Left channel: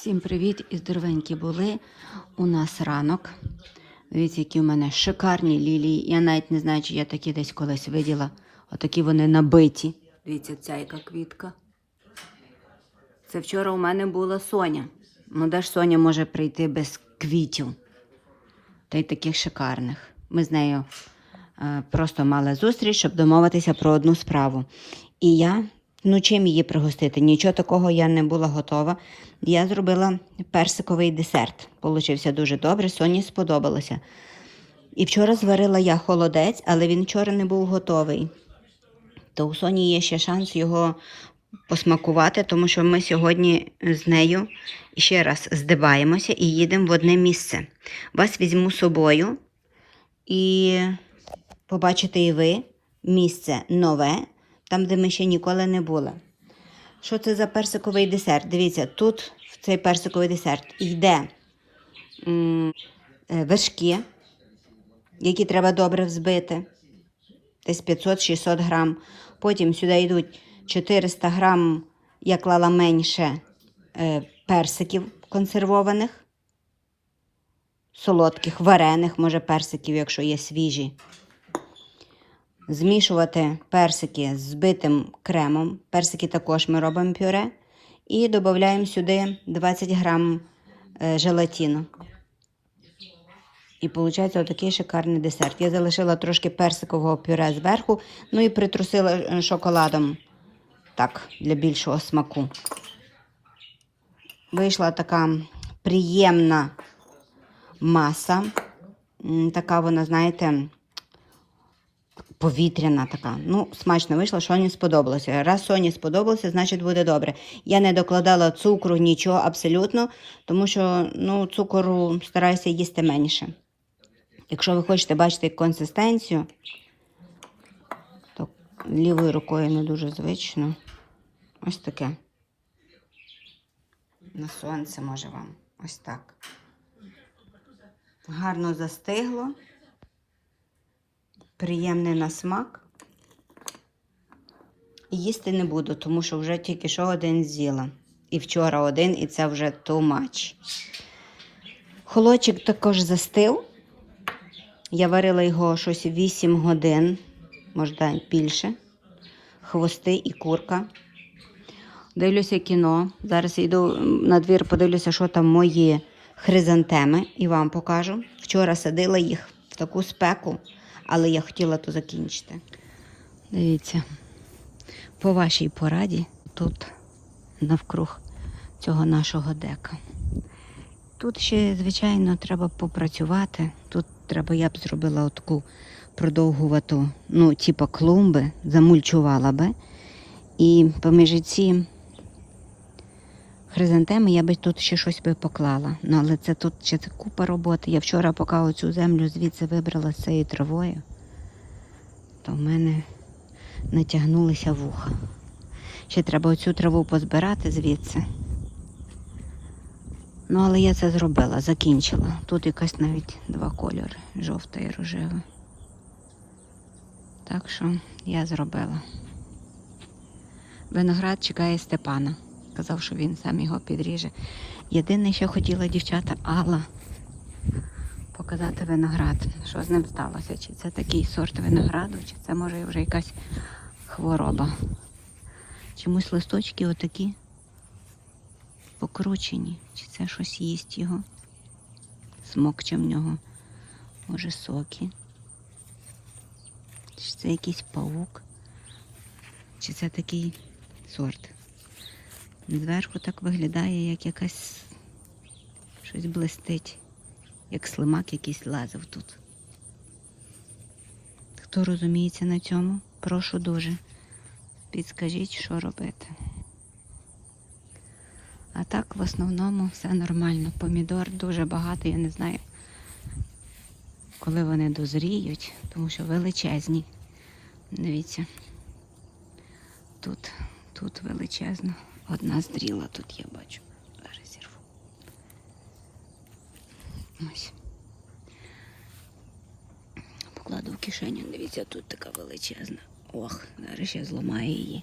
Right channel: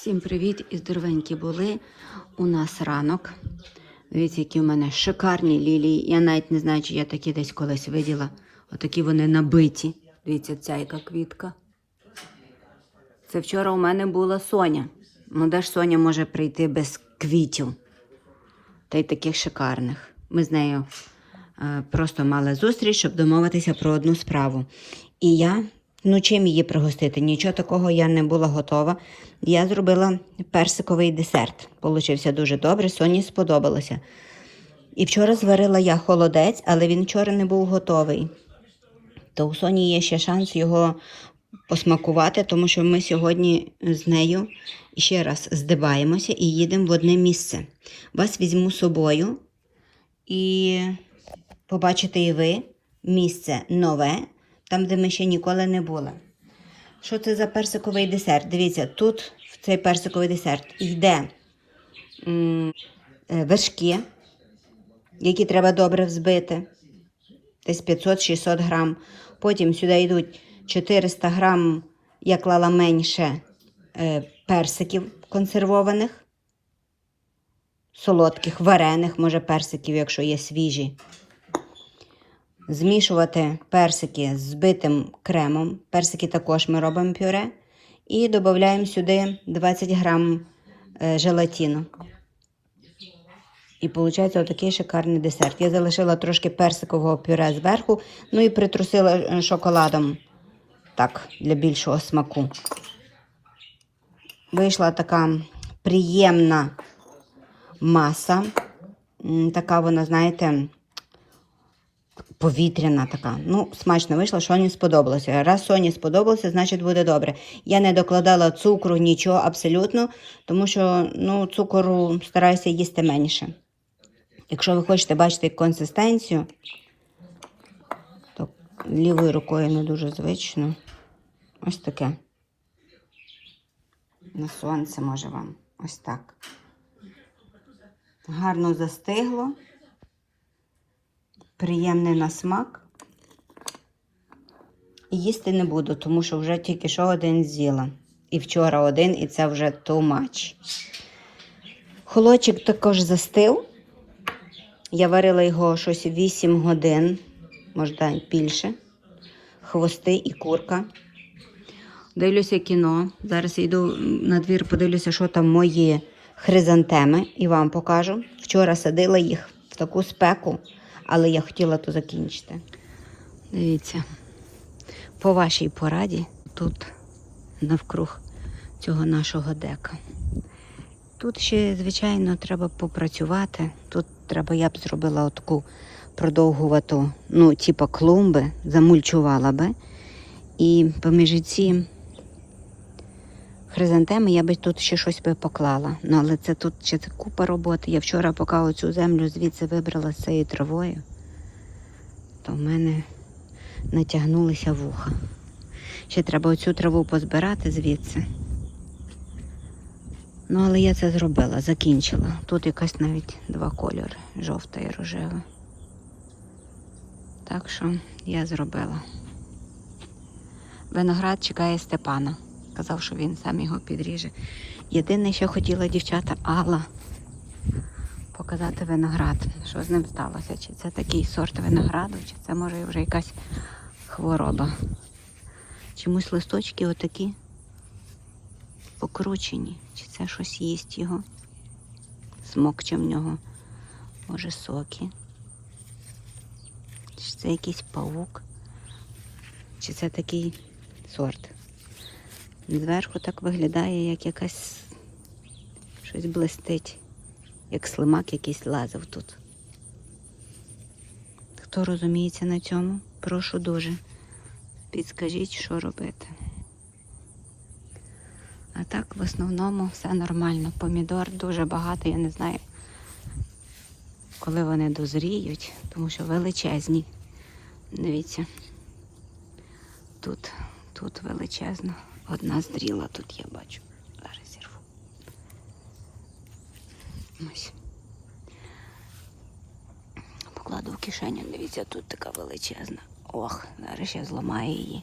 Всім привіт і здоровенькі були. У нас ранок. Дивіться, які в мене шикарні лілії. Я навіть не знаю, чи я такі десь колись виділа. Отакі вони набиті. Дивіться, ця яка квітка. Це вчора у мене була Соня. Ну, де ж Соня може прийти без квітів? Та й таких шикарних. Ми з нею е, просто мали зустріч, щоб домовитися про одну справу. І я, ну чим її пригостити? Нічого такого я не була готова. Я зробила персиковий десерт. Получився дуже добре, Соні сподобалося. І вчора зварила я холодець, але він вчора не був готовий. То у Соні є ще шанс його посмакувати, тому що ми сьогодні з нею ще раз здибаємося і їдемо в одне місце. Вас візьму з собою і побачите і ви місце нове, там, де ми ще ніколи не були. Що це за персиковий десерт? Дивіться, тут в цей персиковий десерт йде е, вершки, які треба добре взбити, десь 500-600 грам. Потім сюди йдуть 400 грам, я клала менше е, персиків консервованих, солодких, варених, може персиків, якщо є свіжі. Змішувати персики з збитим кремом. Персики також ми робимо пюре. І додаємо сюди 20 грам е, желатину. І виходить отакий шикарний десерт. Я залишила трошки персикового пюре зверху, ну і притрусила е, шоколадом так, для більшого смаку. Вийшла така приємна маса. Така вона, знаєте, повітряна така. Ну, смачно вийшло, Соні сподобалося. Раз Соні сподобалося, значить буде добре. Я не докладала цукру, нічого абсолютно, тому що ну, цукору стараюся їсти менше. Якщо ви хочете бачити консистенцію, то лівою рукою не дуже звично. Ось таке. На сонце може вам. Ось так. Гарно застигло. Приємний на смак. Їсти не буду, тому що вже тільки що один з'їла. І вчора один, і це вже too much. Холодчик також застив. Я варила його щось 8 годин, може більше. Хвости і курка. Дивлюся кіно. Зараз йду на двір, подивлюся, що там мої хризантеми, і вам покажу. Вчора садила їх в таку спеку, але я хотіла то закінчити. Дивіться, по вашій пораді тут навкруг цього нашого дека. Тут ще, звичайно, треба попрацювати. Тут треба, я б зробила таку продовгувату, ну, типу клумби, замульчувала би. І поміж ці хризантеми я би тут ще щось би поклала. Ну, але це тут ще це купа роботи. Я вчора, поки оцю землю звідси вибрала з цією травою, то в мене натягнулися вуха. Ще треба оцю траву позбирати звідси. Ну, але я це зробила, закінчила. Тут якась навіть два кольори жовта і рожева. Так що я зробила. Виноград чекає Степана. Казав, що він сам його підріже. Єдине, що хотіла дівчата Алла показати виноград. Що з ним сталося? Чи це такий сорт винограду, чи це може вже якась хвороба. Чомусь листочки отакі покручені, чи це щось їсть його. Смокче в нього, може, соки. Чи це якийсь павук? Чи це такий сорт? Зверху так виглядає, як якась щось блистить, як слимак якийсь лазив тут. Хто розуміється на цьому, прошу дуже. Підскажіть, що робити. А так, в основному, все нормально. Помідор дуже багато, я не знаю, коли вони дозріють, тому що величезні. Дивіться, тут, тут величезно. Одна зріла тут я бачу. Зараз зірву. Ось. Покладу в кишеню, дивіться, тут така величезна. Ох, зараз я зламаю її.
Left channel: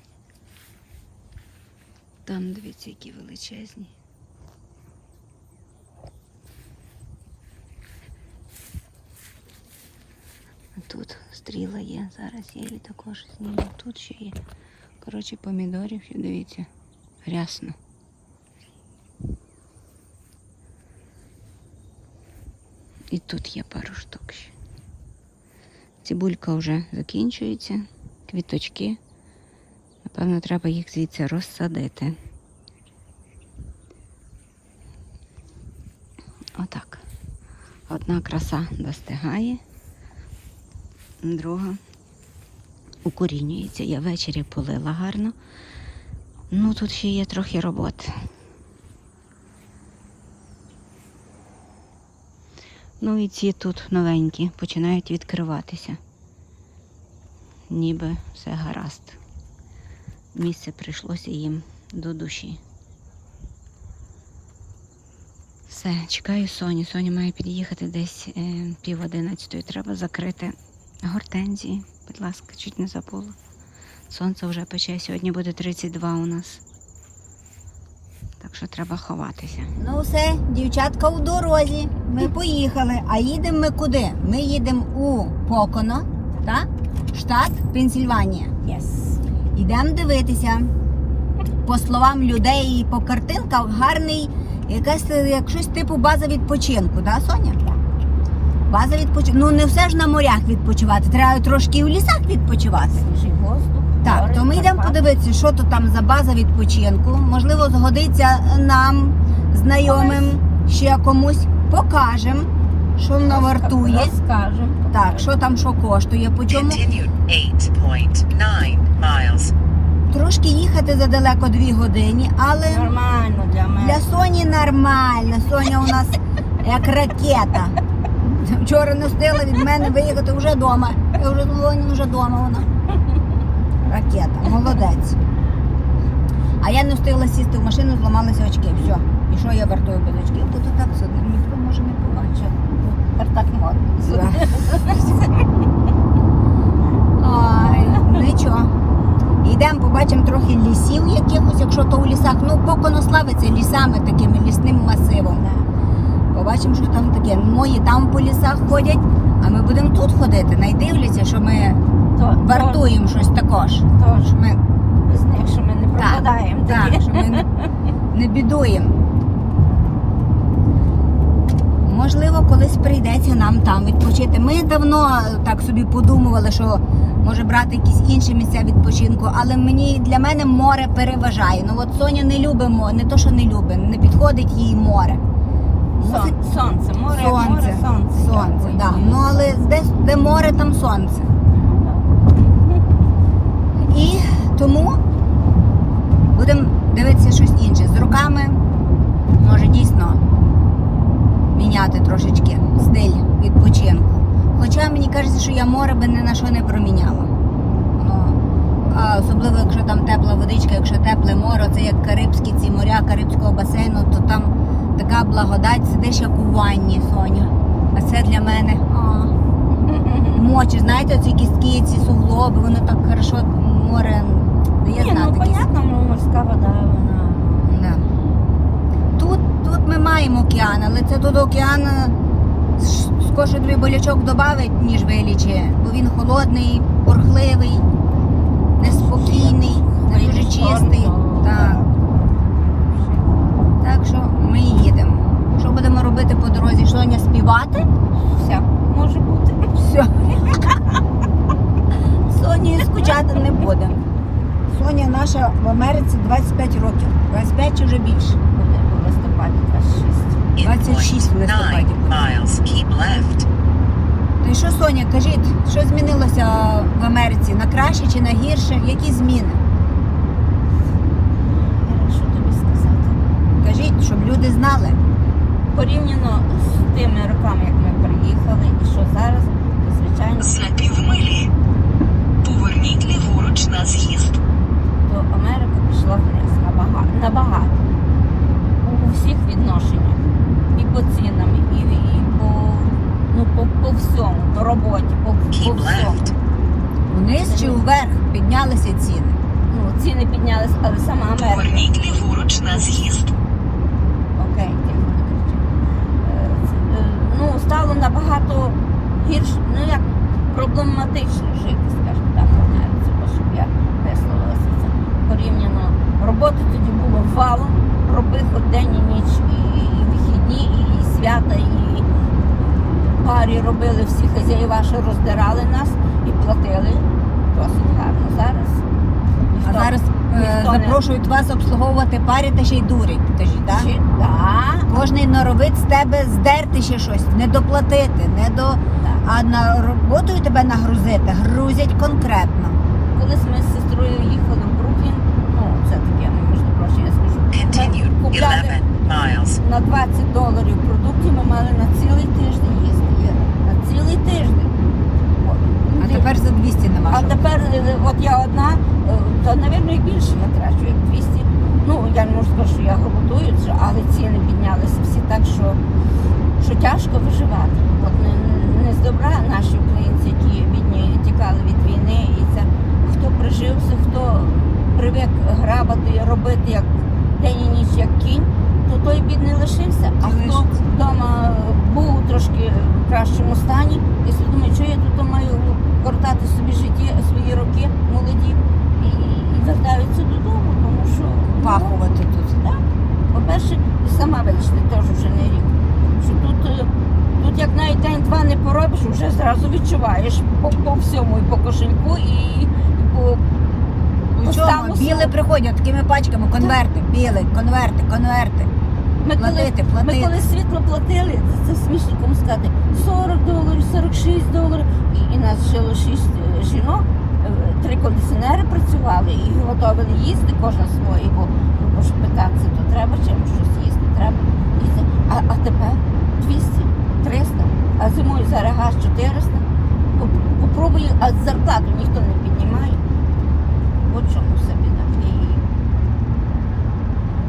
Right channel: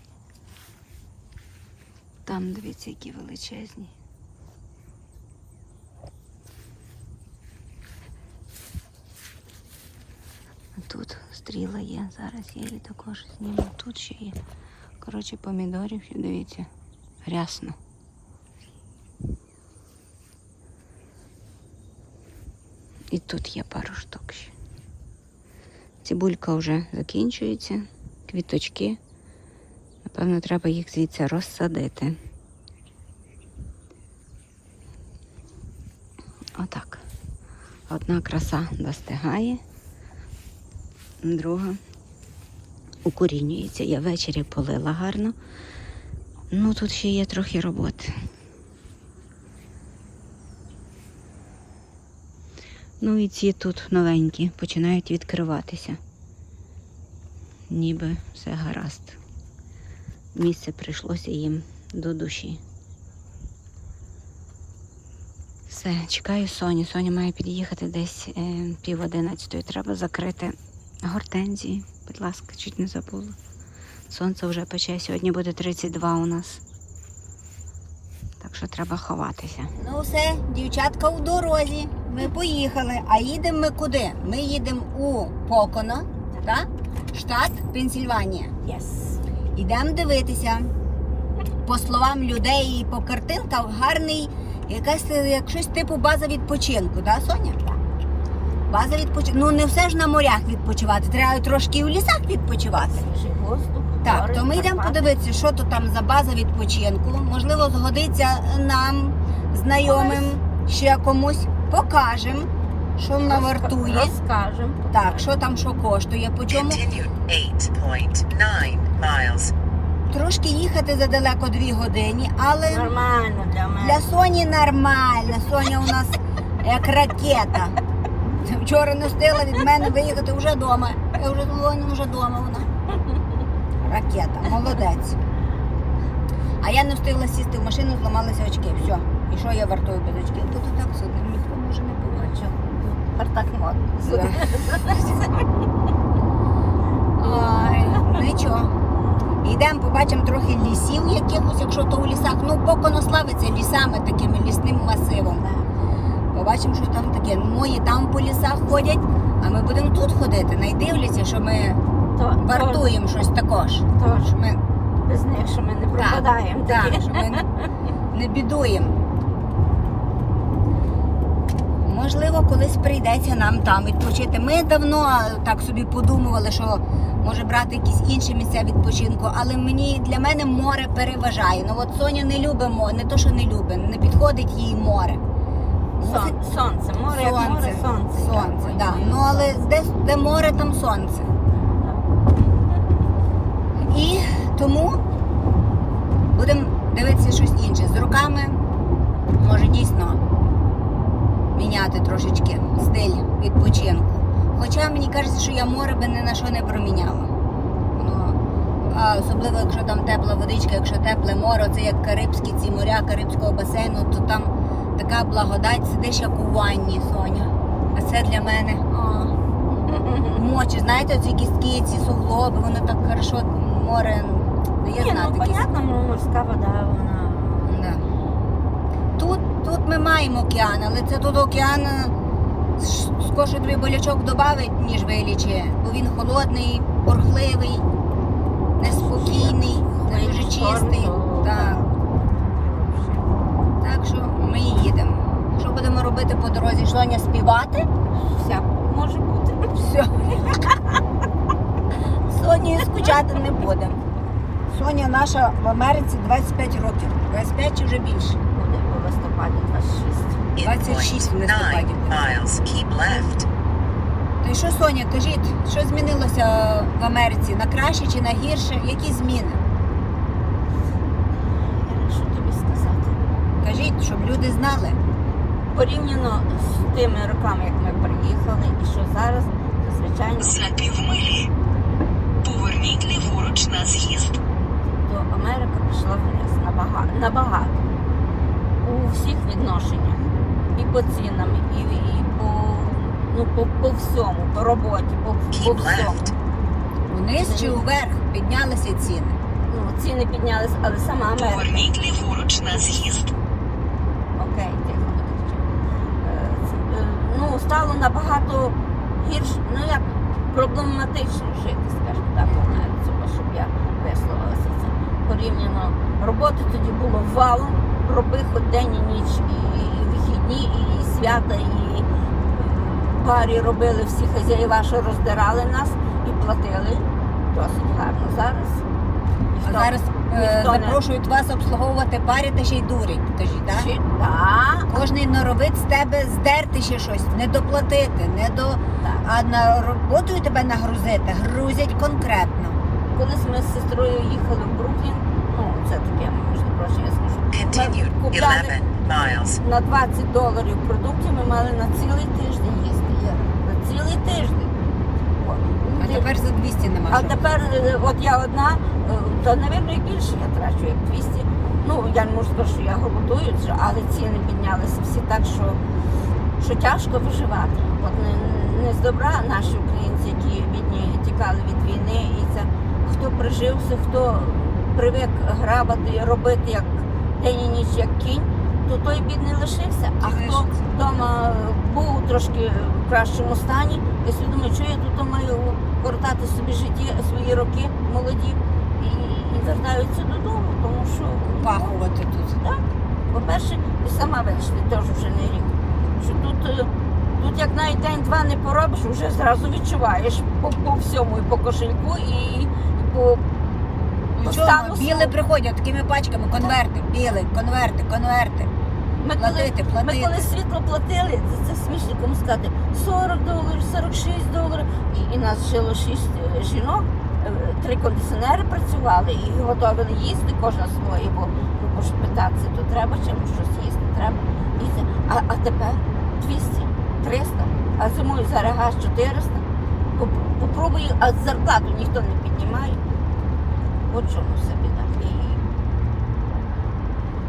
Там дивіться, які величезні. Тут стріла є, зараз я її також зніму. Тут ще є. Коротше, помідорів, дивіться. Рясно. І тут є пару штук ще. Цибулька вже закінчується, квіточки. Напевно, треба їх звідси розсадити. Отак. Одна краса достигає, друга укорінюється. Я ввечері полила гарно. Ну, тут ще є трохи роботи. Ну і ці тут новенькі починають відкриватися. Ніби все гаразд. Місце прийшлося їм до душі. Все, чекаю Соню. Соня має під'їхати десь е, пів одинадцятої. Треба закрити гортензії. Будь ласка, чуть не забула. Сонце вже пече. Сьогодні буде 32 у нас. Так що треба ховатися. Ну все, дівчатка у дорозі. Ми поїхали. А їдемо ми куди? Ми їдемо у Поконо, так? штат Пенсільванія. Yes. Йдемо дивитися. По словам людей по картинках, гарний якась як щось типу база відпочинку, да, Соня? База відпочинку. Ну не все ж на морях відпочивати, треба трошки в лісах відпочивати. Воздух. Так, то ми йдемо подивитися, що то там за база відпочинку. Можливо, згодиться нам, знайомим, ще комусь. Покажемо, що воно вартує. Розкажемо. Так, що там що коштує, по чому. Continue 8.9. Трошки їхати задалеко дві години, але Нормально для мене. для Соні нормально. Соня у нас як ракета. Вчора не встигла від мене виїхати вже вдома. Я вже думала, вже вдома вона. Ракета, молодець. А я не встигла сісти в машину, зламалися очки. Все. І що я вартую без очків? Бо то так все ніхто може не побачити. Тепер так. Ай, нічого. Йдемо, побачимо трохи лісів якихось, якщо то у лісах. Ну, Поконо славиться лісами, такими лісним масивом. Побачимо, що там таке. Мої там по лісах ходять, а ми будемо тут ходити. Найдивляться, що ми То- вартуємо щось також. то- Що ми, Без них, що ми не пропадаємо. так, такі. що ми не, не бідуємо. Можливо, колись прийдеться нам там відпочити. Ми давно так собі подумували, що може брати якісь інші місця відпочинку, але мені для мене море переважає. Ну от Соня не любить море, не то, що не любить, не підходить їй море. Сон- Сонце, море, Сонце, море, сонце. сонце, Дякую. да. Ну але де, де море, там сонце. І тому будемо дивитися щось інше. З руками може дійсно міняти трошечки стиль відпочинку. Хоча мені кажеться, що я море би ні на що не проміняла. Воно, а особливо, якщо там тепла водичка, якщо тепле море, це як Карибські ці моря Карибського басейну, то там така благодать, сидиш як у ванні, Соня. А це для мене. А, мочі, знаєте, ці кістки, ці суглоби, воно так хорошо море. ну, Я Ні, ну понятно, морська вода, вона. Да. Тут, тут ми маємо океан, але це тут океан е, ш- тобі болячок додавить, ніж вилічує, бо він холодний, бурхливий, неспокійний, не дуже чистий. Так. так що ми їдемо. Що будемо робити по дорозі? Соня співати? Всяк може бути. Все. Сонію скучати не будемо. Соня наша в Америці 25 років. 25 чи вже більше. Буде у листопаді 26. 26 в листопаді. То що, Соня, кажіть, що змінилося в Америці? На краще чи на гірше? Які зміни? Що тобі сказати? Кажіть, щоб люди знали. Порівняно з тими роками, як ми приїхали, і що зараз, то звичайно, За півмилі. Поверніть ліворуч на з'їзд. то Америка пішла вниз набагато. набагато. У всіх відношеннях. І по цінам, і, і по, ну, по, по всьому, по роботі, по, по Keep всьому. left. Вниз чи вверх піднялися ціни. Ну, ціни піднялись, але сама Америка. Поверніть ліворуч на з'їзд. Окей, кричи. Е, е, Ну, стало набагато гірше, ну як проблематично. жити, скажімо так, бо щоб я висловилася це порівняно. Роботи тоді було валом, роби хоч день і ніч, і, і вихідні, і свята, і парі робили всі хазяїва, що роздирали нас і платили досить гарно. Зараз А ніхто- зараз е, ніхто не- запрошують вас обслуговувати парі та ще й дурять. Кажуть, так? Чи- Так, Кожний норовить з тебе здерти ще щось, не доплатити, не до. так. А на роботу тебе нагрузити, грузять конкретно. Колись ми з сестрою їхали в Бруклін, ну це таке, можна прошу, я скажу. Ми купляли на 20 доларів продуктів, ми мали на цілий тиждень їсти. Іра. На цілий тиждень. А тепер за 200 нема. а що. тепер, е, от я одна, е, та напевно і більше я трачу, як 200. Ну, я не можу сказати, що я голодую, чи- але ціни піднялися всі так, що, що тяжко виживати. От не, не з добра наші українці, які бідні тікали від війни, і це хто прижився, хто привик грабати, робити як день і ніч, як кінь, то той бідний лишився. А хто вдома був трошки в кращому стані, я собі думаю, що я тут маю кортати собі житті, свої роки молоді і, і вертаються додому, тому що Пахувати тут. так. По-перше, і сама бачите, теж вже не рік. Що тут, е, тут як навіть день-два не поробиш, вже зразу відчуваєш по, по всьому, і по кошельку, і, і по стану приходять такими пачками, конверти, білий, конверти, конверти. Ми коли, Платити, ми коли світло платили, це, це смішно кому сказати, 40 доларів, 46 доларів. І, і нас жило 6 жінок, е, три кондиціонери працювали і готували їсти кожна своє, бо, бо ж питатися, то треба чимось щось їсти, треба їсти. А, а тепер 200, 300, а зимою зараз газ 400. Попробую, а зарплату ніхто не піднімає. От чому все біда. І-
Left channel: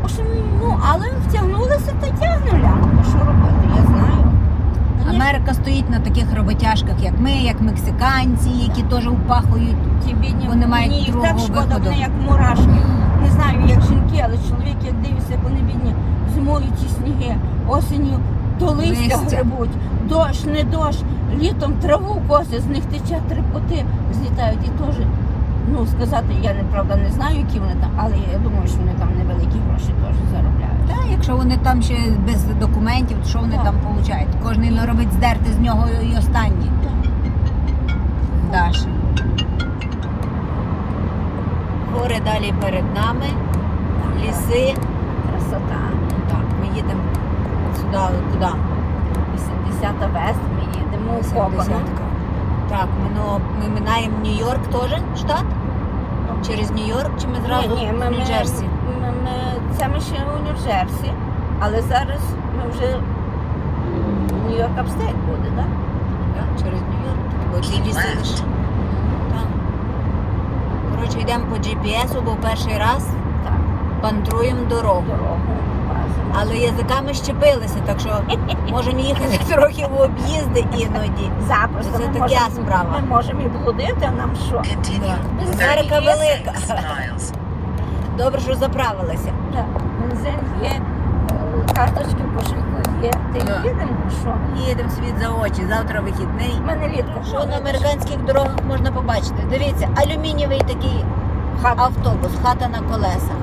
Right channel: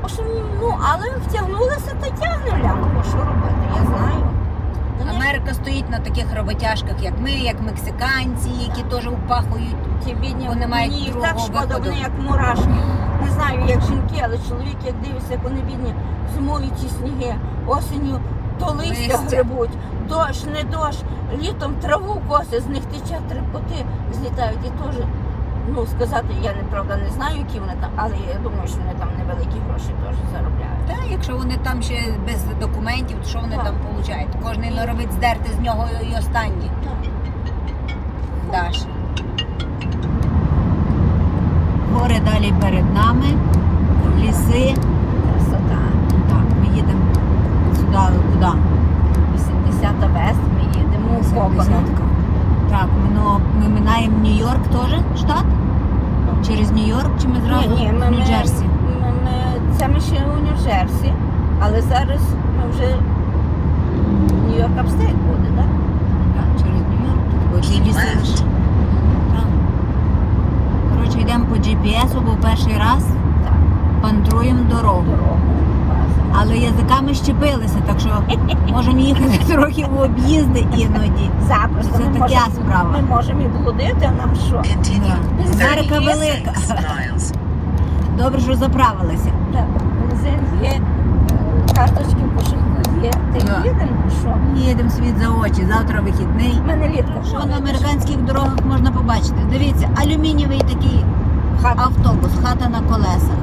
в общем, ну, але втягнулися та тягнули. Ну, що робити, я знаю. Америка стоїть на таких роботяжках, як ми, як мексиканці, які теж упахують. Ті бідні, Вони мають мені їх так другого шкода, виходу. вони як мурашки. Не знаю, як жінки, але чоловік, як дивишся, як вони бідні, зимові ті сніги, осінню то листя Листя. грибуть, дощ, не дощ, літом траву косять, з них тече три поти, злітають і теж. Ну, сказати, я неправда не знаю, які вони там, але я думаю, що вони там невеликі гроші теж заробляють. Та якщо вони там ще без документів, то що вони Так. там получають? Кожний норовить здерти з нього і останні. Даші. Гори далі перед нами, ліси. Красота. Так, поїдемо сюди, куди? 80-та вест, ми їдемо копано. Десятка. Так, ми, ми минаємо Нью-Йорк теж, штат? Через Нью-Йорк чи ми зразу ми- в Нью-Джерсі? Це ми ще у Нью-Джерсі, але зараз ми вже Нью-Йорк апстейт буде, так? Так, через Нью-Йорк. Так. Коротше, йдемо по GPS, бо перший раз пантруємо дорогу. Але язиками щепилися, так що можемо їхати трохи в об'їзди іноді. Запросто Це така справа. Ми можемо і блудити, а нам що? Continue Америка велика. Добре, що заправилися. Так, Бензин є, е, карточки в кошельку є. Ти Так. їдемо, що? Їдемо світ за очі, завтра вихідний. У мене літро. Що на американських дорогах можна побачити? Дивіться, алюмінієвий такий Хата, автобус, хата на колесах.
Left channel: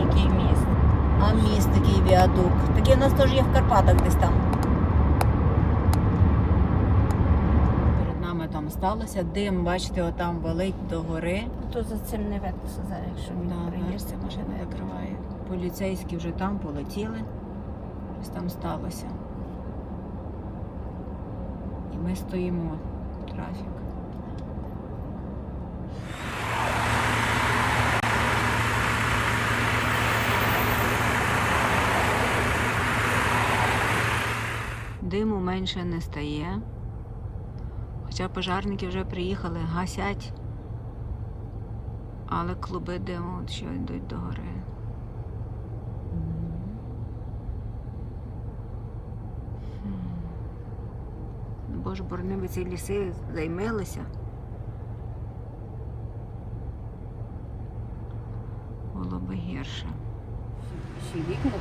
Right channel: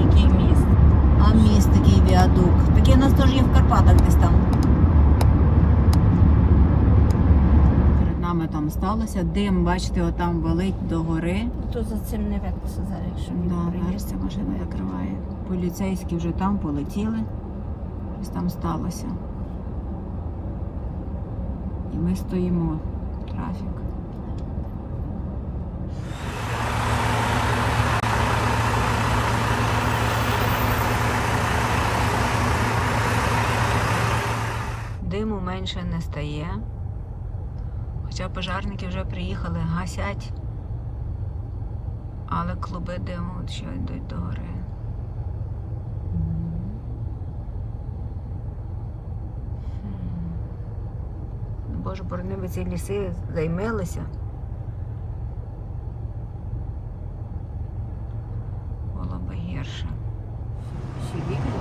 який міст. А міст такий віадук. Такий у нас теж є в Карпатах десь там. Перед нами там сталося. Дим, бачите, отам валить до гори. То за цим не видно зараз, якщо Да, приїде. бачите, машина закриває. Поліцейські вже там полетіли. Щось там сталося. І ми стоїмо трафік. Диму менше не стає. Хоча пожарники вже приїхали, гасять. Але клуби диму от що йдуть до гори. Боже, борони би ці ліси займилися. Було би гірше.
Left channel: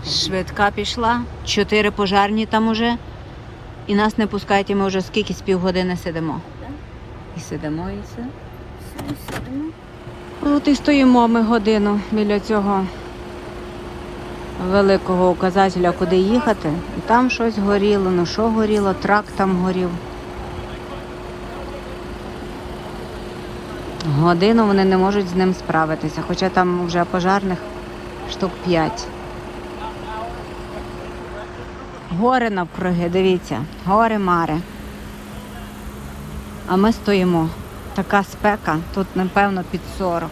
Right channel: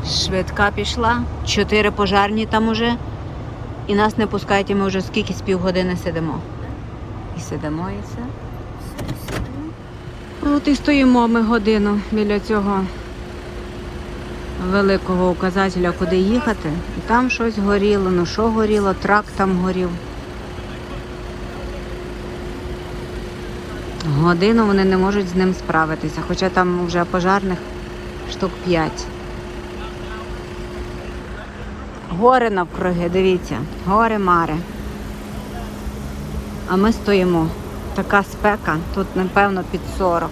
Швидка пішла, чотири пожарні там уже. І нас не пускають, і ми вже скільки з півгодини сидимо. І сидимо і все. От і стоїмо ми годину біля цього великого указателя, куди їхати. І там щось горіло. Ну що горіло? Трак там горів. Годину вони не можуть з ним справитися, хоча там вже пожарних штук 5. Гори навкруги, дивіться, гори мари. А ми стоїмо. Така спека, тут, напевно, під 40.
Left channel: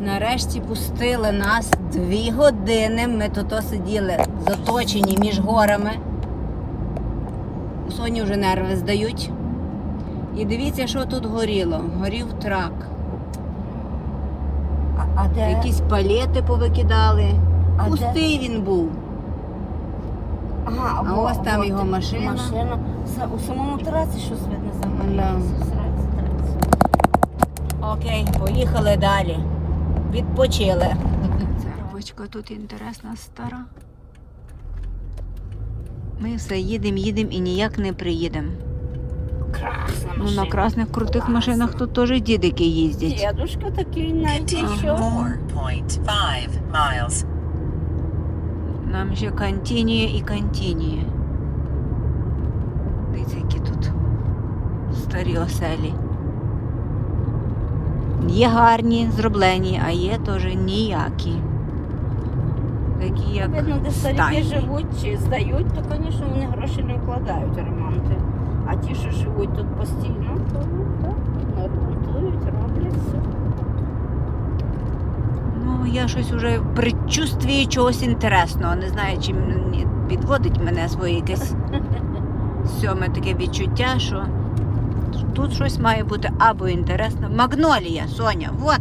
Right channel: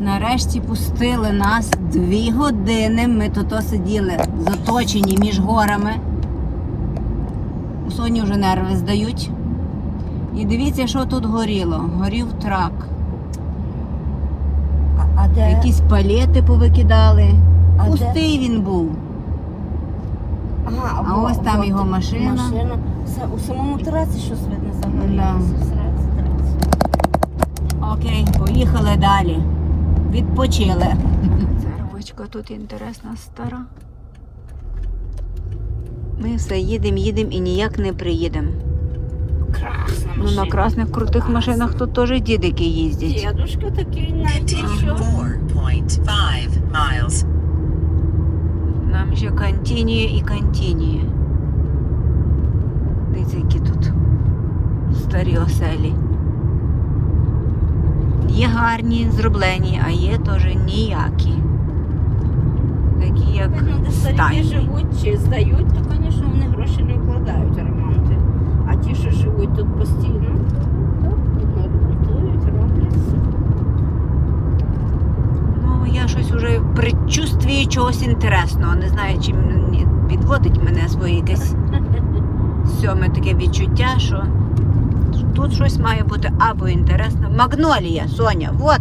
Нарешті пустили нас дві години. Ми тут сиділи заточені між горами. У Соні вже нерви здають. І дивіться, що тут горіло. Горів трак. А де? Якісь палети повикидали. А Пустий він був. Ага, А ось там його машина. Машина. У самому траці щось видно. Да. Окей, поїхали далі. Відпочили. Церквочка тут інтересна стара. Ми все їдемо, їдемо і ніяк не приїдемо. Ну на красних крутих машинах тут теж дідики їздять. Дедушка такий навіть Continue нічого. 4.5 miles. Нам ще континує і континує. Дивіться, які тут старі оселі. Є гарні, зроблені, а є теж ніякі. Такі, як стайні. живуть чи здають, то, звісно, вони гроші не вкладають ремонти. А ті, що живуть тут постійно, то ремонтують, роблять. Ну, я щось уже в предчувствії чогось інтересного. Не знаю, чи підводить мене своє якесь сьоме таке відчуття, що тут щось має бути або інтересно. Магнолія, Соня, от,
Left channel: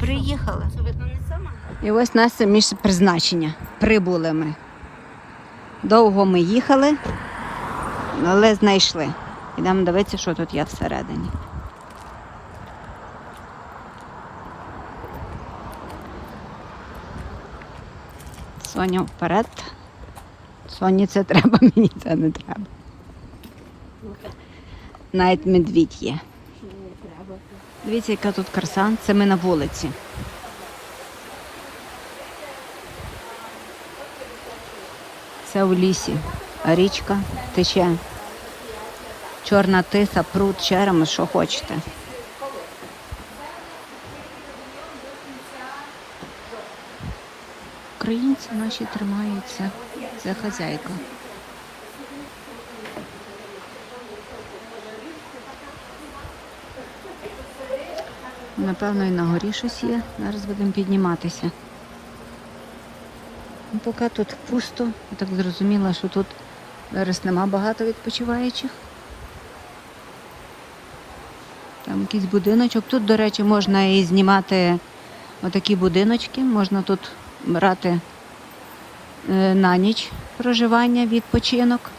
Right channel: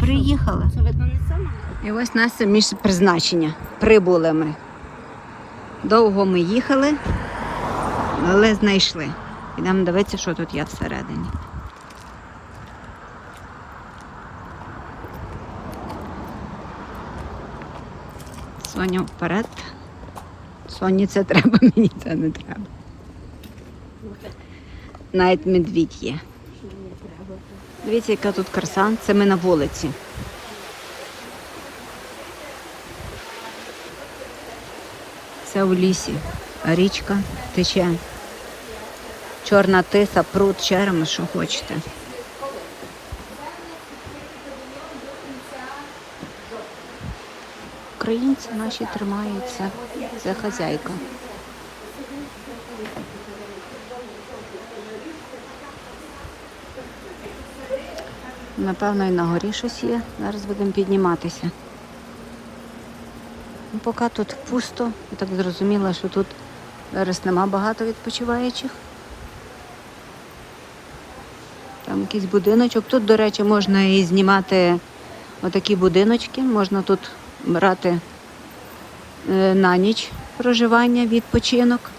приїхала. Це. І ось наше місце призначення. Прибули ми. Довго ми їхали, але знайшли. Ідемо дивитися, що тут є всередині. Соня вперед. Соні це треба, мені це не треба. Навіть медвідь є. Дивіться, яка тут краса. Це ми на вулиці. Це у лісі. Річка тече. Чорна тиса, пруд, черемис, що хочете. Українці наші тримаються. Це хазяйка. Напевно, і на горі щось є. Зараз будемо підніматися. Ну, поки тут пусто. Я так зрозуміла, що тут зараз нема багато відпочиваючих. Там якийсь будиночок. Тут, до речі, можна і знімати отакі будиночки. Можна тут брати е, на ніч проживання, відпочинок.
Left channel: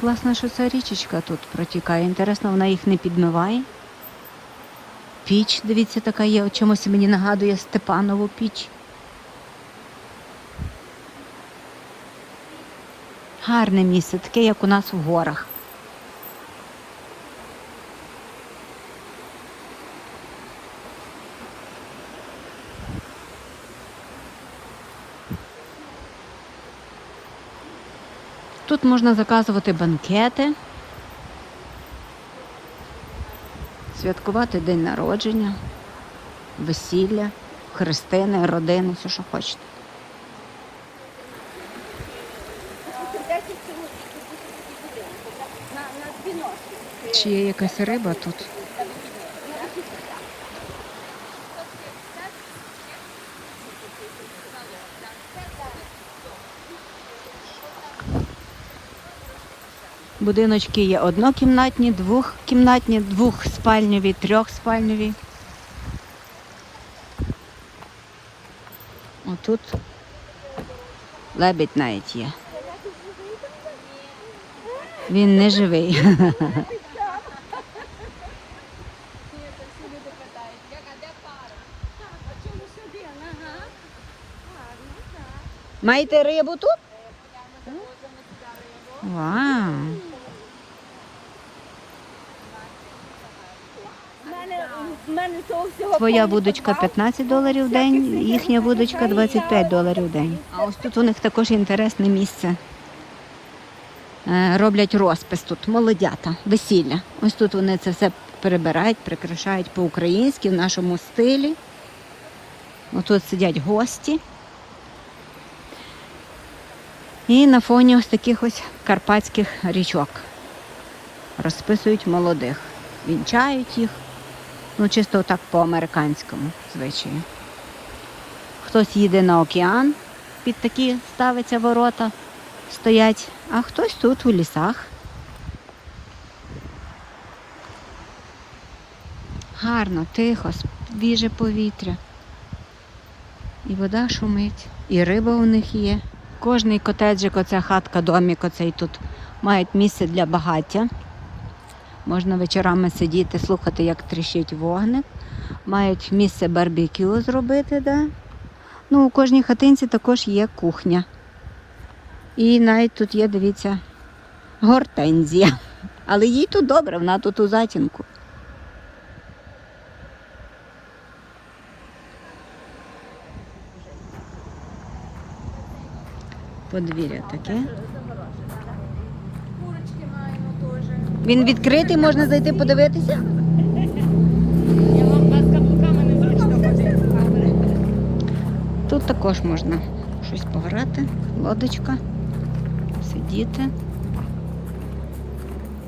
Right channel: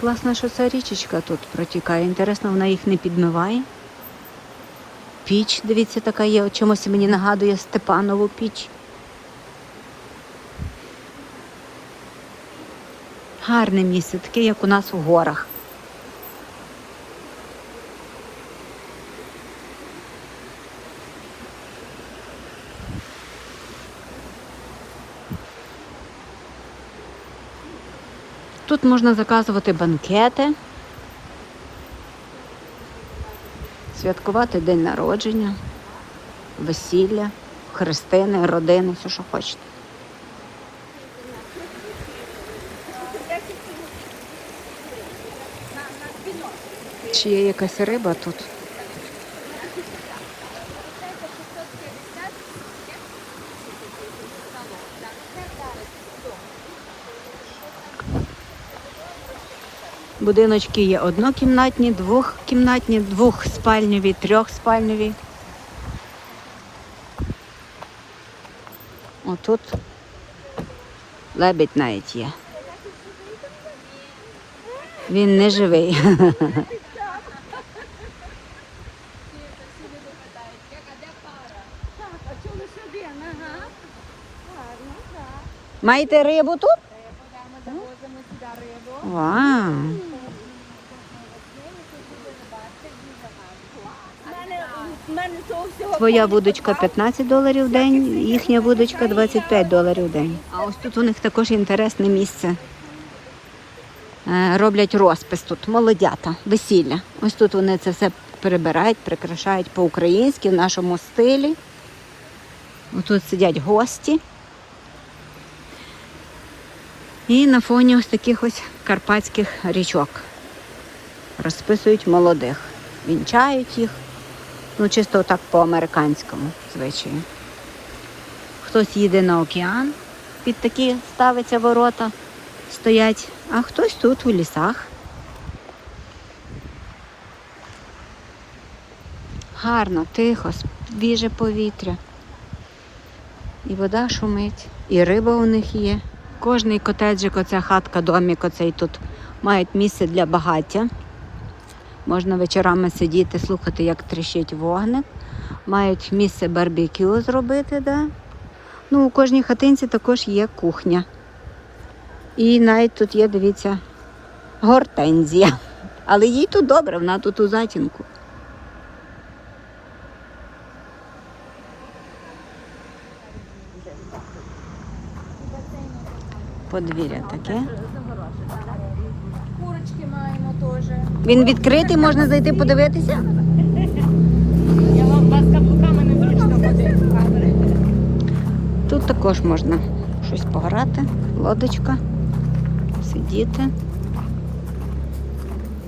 Класно, що ця річечка тут протікає. Інтересно, вона їх не підмиває. Піч, дивіться, така є. Чомусь мені нагадує Степанову піч. Гарне місце, таке, як у нас у горах. Тут можна заказувати банкети, святкувати день народження, весілля, хрестини, родини, все, що хочете. Чи є якась риба тут? Будиночки є однокімнатні, двохкімнатні, двохспальневі, трьохспальневі. Отут лебідь навіть є. Він не живий. Маєте рибу тут? Вау! Твоя будочка 15 доларів в день, їхня будочка 25 доларів в день. А ось тут у них також інтересне місце. Е, Роблять розпис тут, молодята, весілля. Ось тут вони це все прибирають, прикрашають по-українськи в нашому стилі. Ось тут сидять гості. І на фоні ось таких ось карпатських річок розписують молодих, вінчають їх. Ну, чисто так по-американському звичаю. Хтось їде на океан, під такі ставиться ворота, стоять, а хтось тут у лісах. Гарно, тихо, свіже повітря. І вода шумить, і риба у них є. Кожний котеджик, оця хатка, домик оцей тут мають місце для багаття. Можна вечорами сидіти, слухати, як тріщить вогник. Мають місце барбекю зробити, да? Ну, у кожній хатинці також є кухня. І навіть тут є, дивіться, гортензія. Але їй тут добре, вона тут у затінку. Подвір'я таке. Він відкритий, можна зайти подивитися? Тут також можна щось пограти, лодочка, сидіти.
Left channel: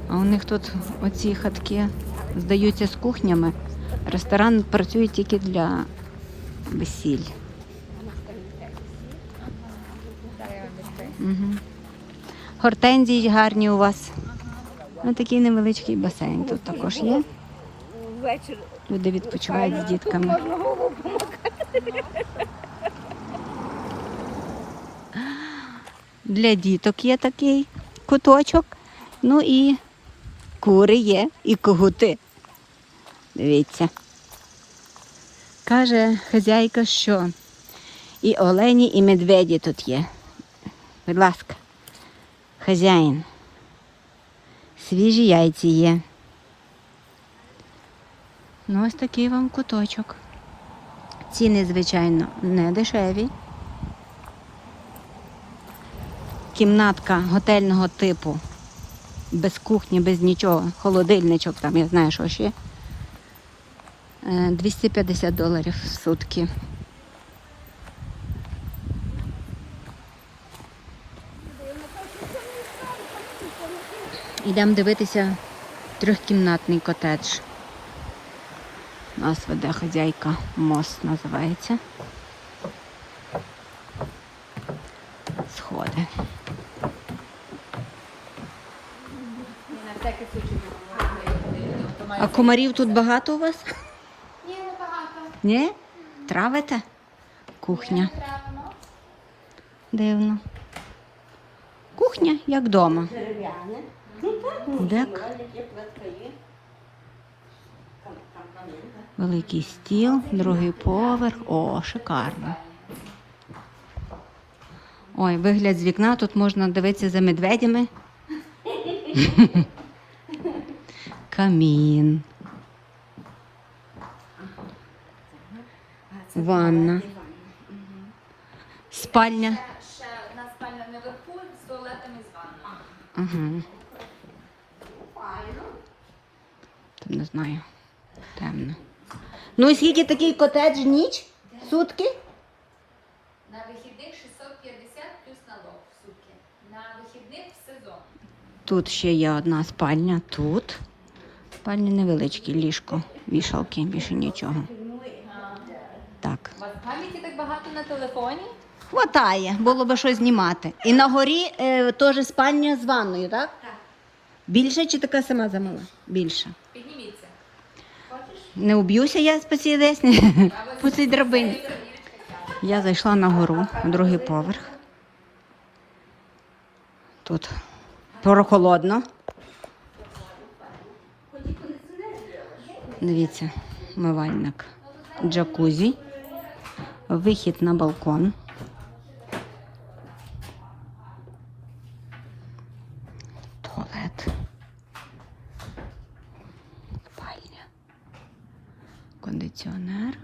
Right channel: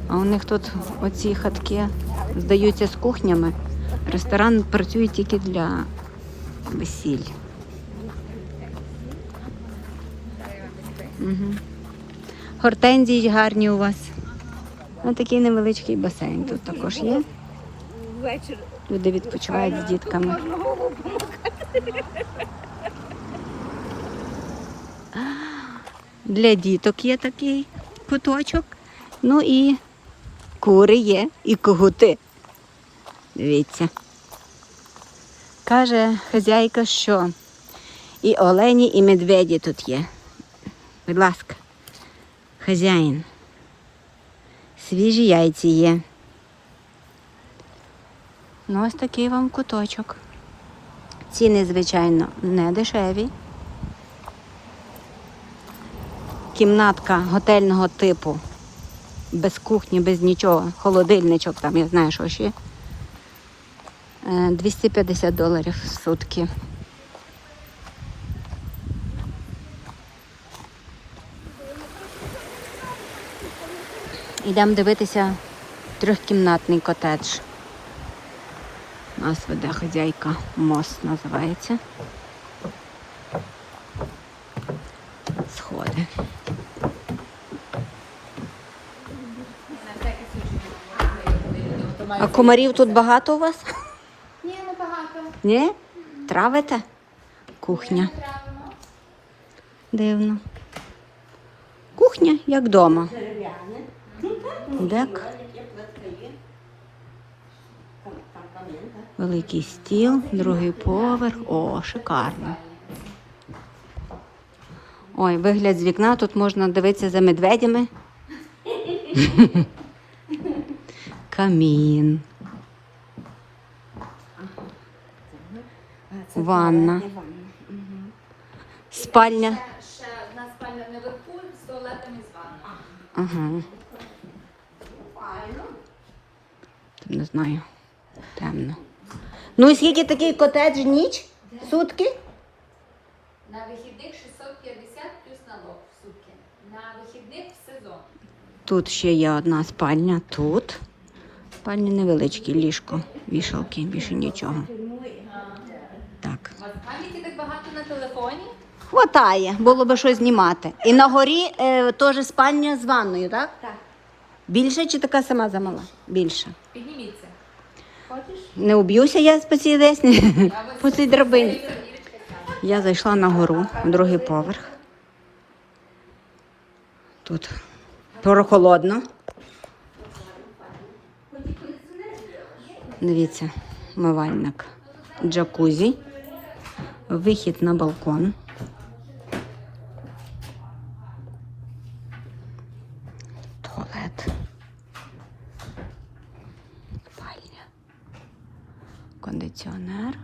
А у них тут оці хатки здаються з кухнями. Ресторан працює тільки для весіль. Угу. Гортензії гарні у вас. Ось такий невеличкий басейн тут також є. Люди відпочивають з дітками. Для діток є такий куточок. Ну і кури є, і когути. Дивіться. Каже хазяйка, що і олені, і медведі тут є. Будь ласка, хазяїн. Свіжі яйці є. Ну, ось такий вам куточок. Ціни, звичайно, не дешеві. Кімнатка готельного типу. Без кухні, без нічого. Холодильничок там, я знаю, що ще. Е, 250 доларів в сутки. Йдемо дивитися трьохкімнатний котедж. Нас веде хазяйка мост називається. Сходи. А комарів тут багато у вас? Ні, не багато. Ні? Травите? Кухня. Дивно. Кухня як вдома. Дек. Великий стіл, другий поверх. О, шикарно. Ой, вигляд з вікна, тут можна дивитися за медведями. Камін. Ванна. Спальня. Ще одна спальня наверху з туалетом і з ванною. Ага. Тут не знаю. Темно. Ну і скільки такий котедж ніч? Сутки? На вихідних 650 плюс налог в сутки. На вихідних в сезон. Тут ще є одна спальня. Тут. Спальня невеличкі, ліжко, вішалки, більше нічого. Так. Пам'яті так багато на телефоні? Хватає, було би що знімати. І на горі е, теж спальня з ванною, так? Так. Більше чи така сама замала? Більше. Не уб'юся я по цій десні, по цій драбині. Я зайшла на гору, другий поверх. Тут прохолодно. Дивіться, мивальник, джакузі, вихід на балкон. кондиціонер.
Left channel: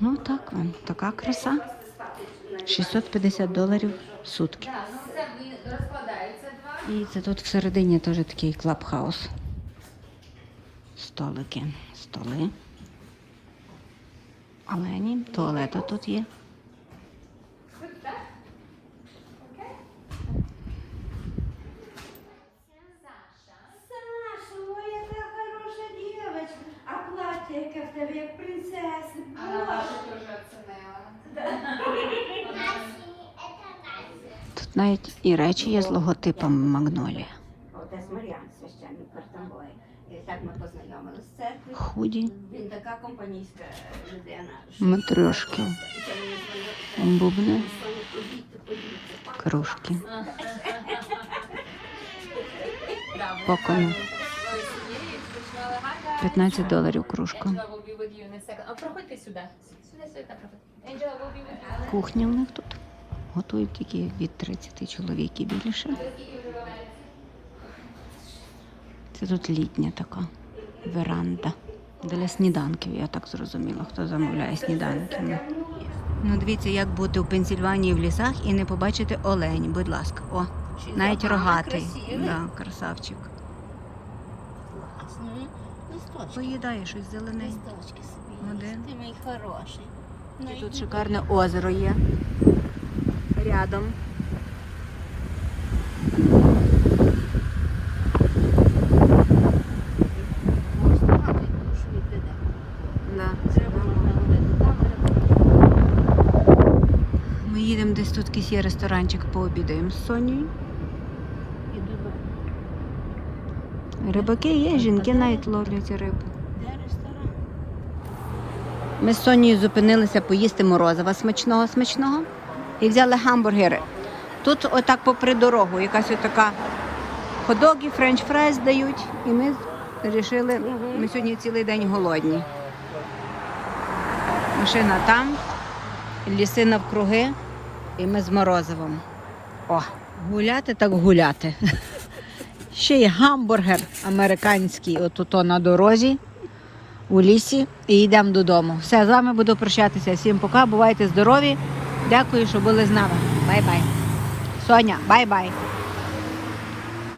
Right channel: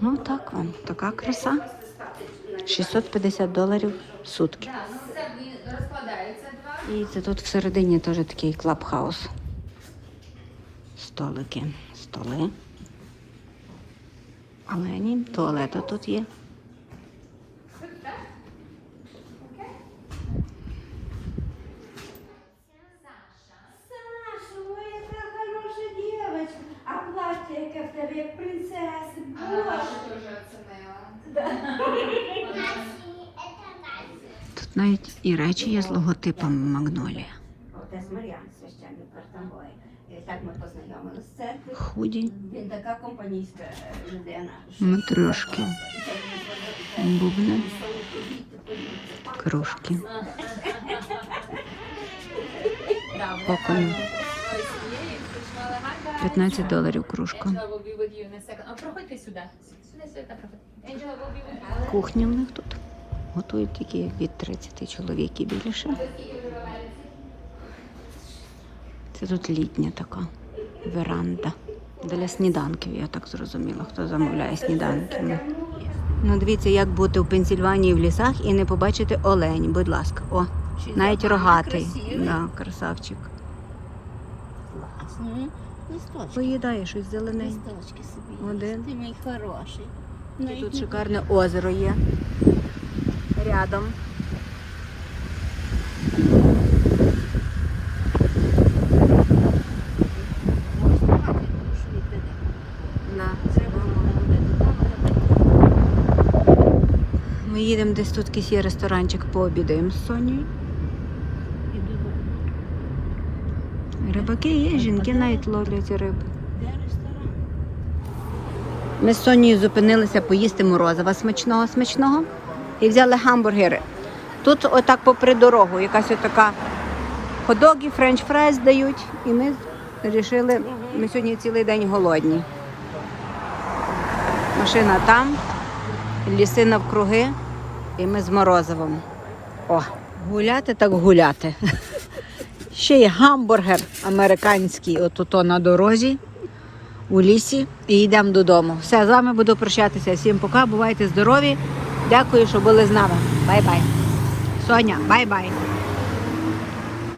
Ну, так вам, така краса. 650 доларів в сутки. І це тут всередині теж такий клабхаус. Столики, столи. Але ні, туалета тут є. Навіть і речі є з логотипом Магнолія. Отець Мар'ян, священник Картангої. Так ми познайомилися з церкви. Худі, Він така компанійська людина. матрешки, бубни, кружки. Покони. 15 доларів кружка. Кухня в них тут. Готують тільки від 30 чоловік і більше. Це тут літня така веранда. Для сніданків, я так зрозуміла, хто замовляє сніданки. Ну, дивіться, як бути в Пенсільванії в лісах і не побачити олень, будь ласка. О, навіть рогатий. Да, красавчик. Поїдає щось зелененьке. Собі. Один. Ти мій хороший. І тут шикарне озеро є. Рядом. Ми їдемо десь тут якийсь є ресторанчик, пообідаємо з Сонією. Рибаки є, жінки навіть ловлять рибу. Ми з Сонією зупинилися поїсти морозива смачного смачного і взяли гамбургери. Тут отак попри дорогу, якась отака ходоги, френч фрайс дають. І ми вирішили, ми сьогодні цілий день голодні. Машина там, ліси навкруги, і ми з морозивом. О, гуляти так гуляти. Ще є гамбургер американський, отут на дорозі у лісі і йдемо додому. Все, з вами буду прощатися. Всім пока, бувайте здорові. Дякую, що були з нами. Бай-бай. Соня, бай-бай.